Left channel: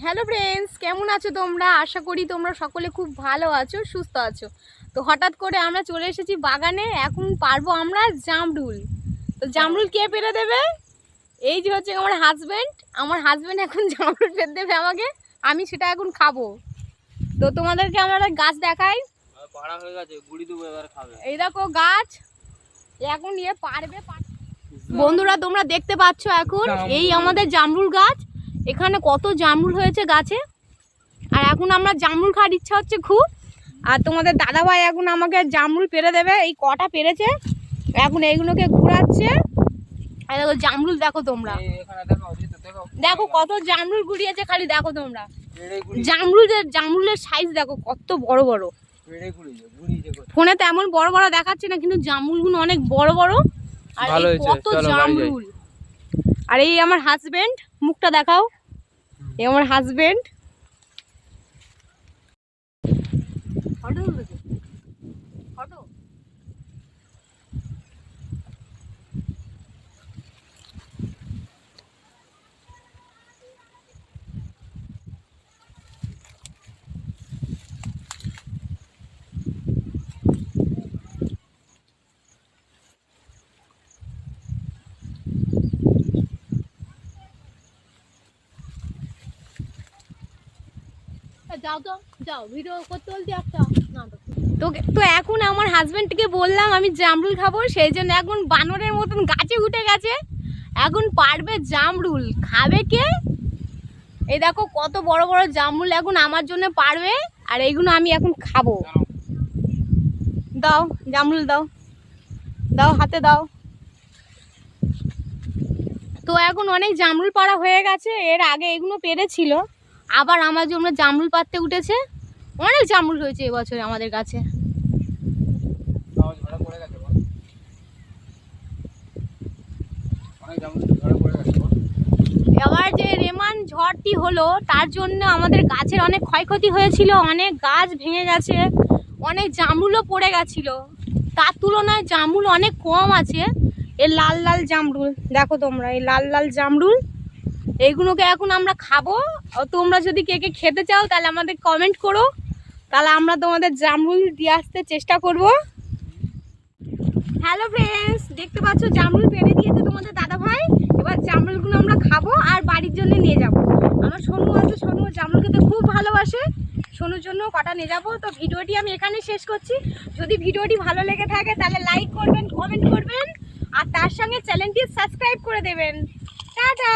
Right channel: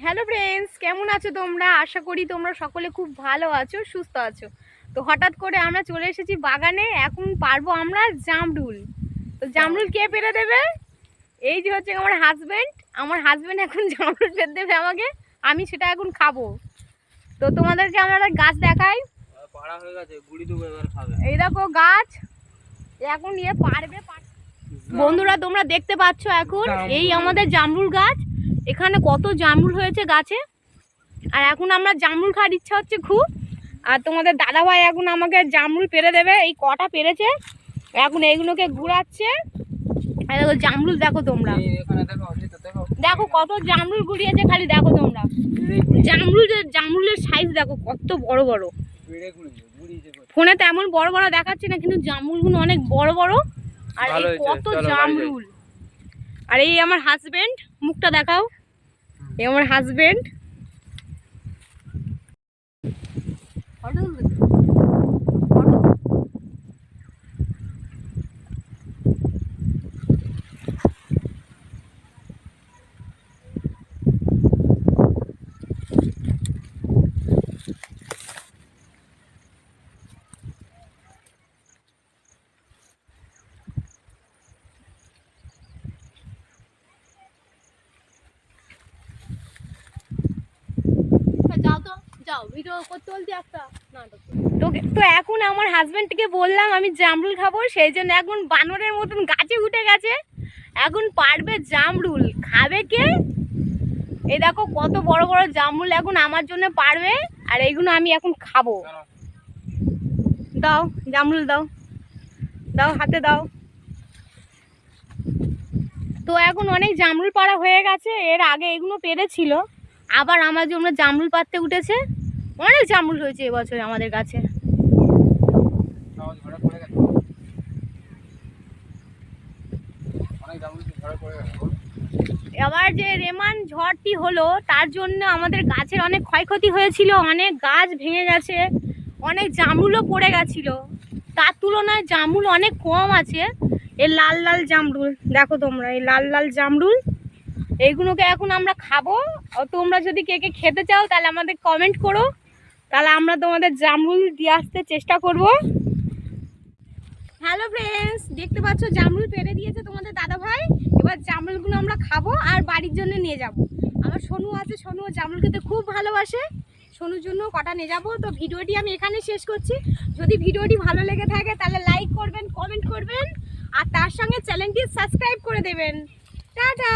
Hello friends, কেমন আছো তোমরা? আশা করি তোমরা সকলে খুব ভালো আছো, সুস্থ আছো। তো হঠাৎ করে আমরা চলে এসেছি বাগানে। এখন পারবো আমরা জামরুল। তো জামরুল কে পেরে দেবে? এই যে হচ্ছে আমার হাজব্যান্ড এখন জামরুল পেরে দেবে আমাকে। আমি সেটা এখন খাবো। তো তোমাদেরকে আমরা গাছ দেখাই। পাড়া হয়ে গেছে, গুড়ি দেবো এবার খাবে। এই দেখো গাছ, এখন পারবে। বন্ধুরা তোমরা দেখতে পাচ্ছ এখন এই আমাদের জামরুল গাছ। এখানে কত জামরুল হয়েছে গাছে। আর এখন আমরা জামরুল খাওয়ার ইচ্ছা হচ্ছে খুব। আর তোমাদের দাদাভাই এখন আমাকে জামরুল পেরে দেবে। এই কটা পেরেছে, এখন এইগুলোকে ঘুরাচ্ছে। আর দেখো জামরুল, দেখো তোমরা, দেখো কত জামরুল ঘুরিয়েছে, খালি দেখো তোমরা। জামরুলের সাইজ দেখো কত বড় বড়। ফোনে তেমন বড় বড় দেখাচ্ছে না, কিন্তু জামরুলগুলো অনেক বড় বড়। আর এই কত জামরুল। আর এই আমার হাজবেন্ড, মুখটা দেখাও। এই আমার হাজবেন্ড। তো এখন আমার হাজবেন্ডকে বললাম আমি জামরুল খাবো, সেই জন্য এখন বানরের মতন গাছে উঠে গেছে। এখন পারবে জামরুল খাবে কে? এই দেখো কত বড় বড় জামরুল এখন আমার জন্য পারবে। আর এইগুলো আমি এখন খাবো। দাও জামরুল, দাও দাও, হাতে দাও। তো এখন অনেক জামরুল পাড়া হয়ে গেছে। এর আগে এগুলো পেরেছিল, আবার আমার জন্য জামরুল পাড়তে উঠেছে। অনেক জামরুল হয়েছে এবছর আমাদের কাছে। এবার যে রেমান ঝড়টি হলো তার জন্য আমাদের গাছের অনেক ক্ষয়ক্ষতি হয়েছিল, অনেক গাছ ভেঙে গেছে, অনেক জামরুলও পড়ে গেছিল। তার তুলনায় জামরুল অনেক কম আছে। এই লাল লাল জামরুল দেখো তোমরা, এই লাল লাল জামরুল এইগুলোকে এখন আমরা খাবো। তোমরা যদি কে কে খেতে চাও তাহলে আমাদের কমেন্ট করো, তাহলে আমরা তোমাদের জামরুল দিয়ে আসতে চেষ্টা করব। হ্যালো ফ্রেন্ডস, দেখতে পাচ্ছ জামরুল পেরে দিয়েছে তোমাদের দাদাভাই। এবার জামরুলগুলো আমরা খাবো আর বাড়ির জন্য নিয়ে যাব। আমার সোনু আছে, সোনু জামরুল খেতে খুব ভালোবাসে, সোনুর জন্য কটা নিয়ে যাবো। তো ভিডিওটি আমি এখানে শেষ করছি। যদি ভিডিওটি ভালো লেগে থাকে তাহলে লাইক করবেন, কমেন্ট করবেন, আর তার সঙ্গে চ্যানেলটি সাবস্ক্রাইব করে দেবেন। টাটা।